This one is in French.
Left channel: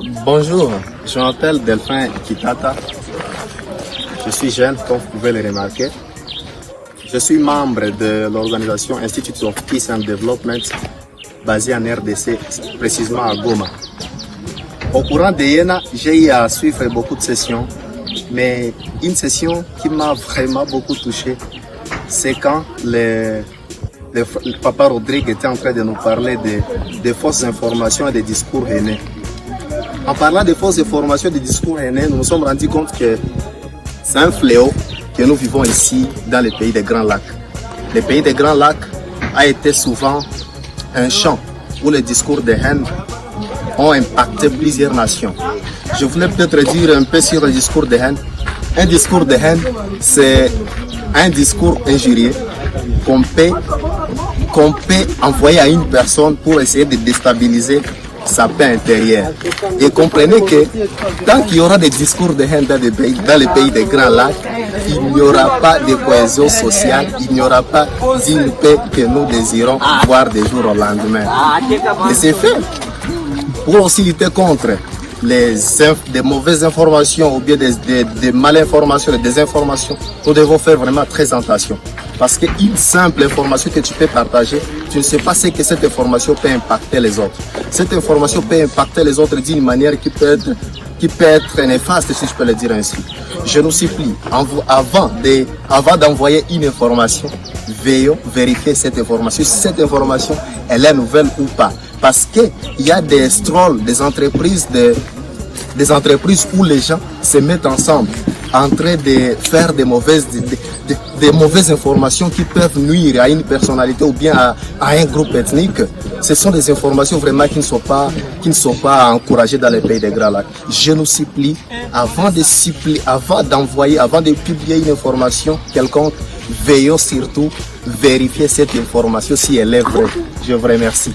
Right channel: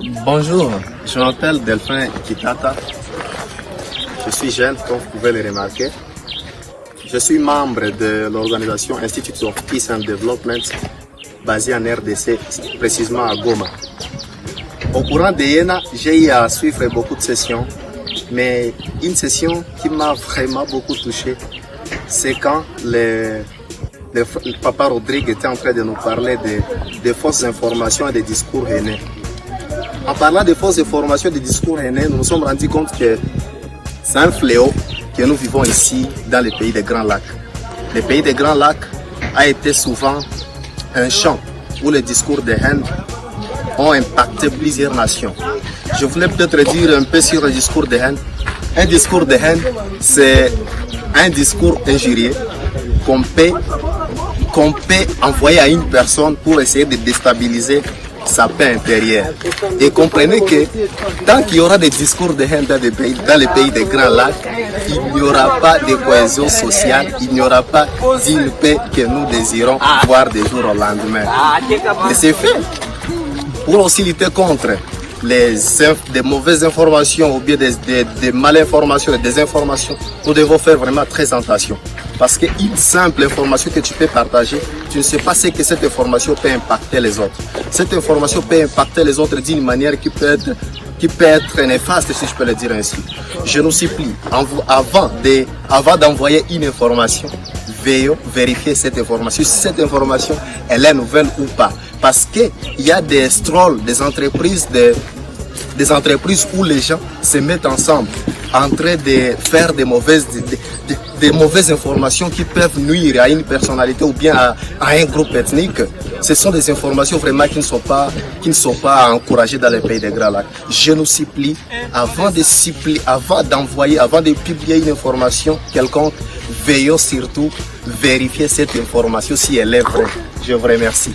Bonjour, je m'appelle Delphin Kitata. Je suis jeune, comme vous pouvez le remarquer. Je suis membre de l'organisation Institute of Peace and Development basée en RDC, précisément à Goma. Au courant de Yéna, j'ai eu à suivre beaucoup de sessions, mais une session qui m'a vraiment beaucoup touché, c'est quand le papa Rodrigue était en train de nous parler de fausses informations et des discours haineux. En parlant de fausses informations et de discours haineux, nous nous sommes rendus compte que c'est un fléau que nous vivons ici dans les pays des Grands Lacs. Le pays des Grands Lacs a été souvent un champ où les discours de haine ont impacté plusieurs nations. Je voulais peut-être dire un peu sur le discours de haine. Un discours de haine, c'est un discours injurieux qu'on peut envoyer à une personne pour essayer de déstabiliser sa paix intérieure. Et comprenez que tant qu'il y aura des discours de haine dans les pays des Grands Lacs, il n'y aura pas de cohésion sociale, il n'y aura pas d'une paix que nous désirons voir des jours au lendemain. Et c'est fait pour aussi lutter contre des mauvaises informations ou bien des malinformations et des informations. Nous devons faire vraiment très attention. Parce qu'une simple information que tu peux partager, tu ne sais pas ce que cette information peut impacter les autres. Cette information peut impacter les autres d'une manière qui peut être néfaste, si je peux le dire ainsi. Je nous supplie, avant d'envoyer une information, veillons vérifier cette information. Si cette information, elle est nouvelle ou pas. Parce qu'il y a des strolls, des entreprises où les gens se mettent ensemble en train de faire des mauvaises informations qui peuvent nuire à une personnalité ou bien à un groupe ethnique. Ce sont des informations vraiment qui ne sont pas encouragées dans les pays des Grands Lacs. Je nous supplie, avant de publier une information quelconque, veillons surtout vérifier cette information si elle est vraie. Je vous remercie.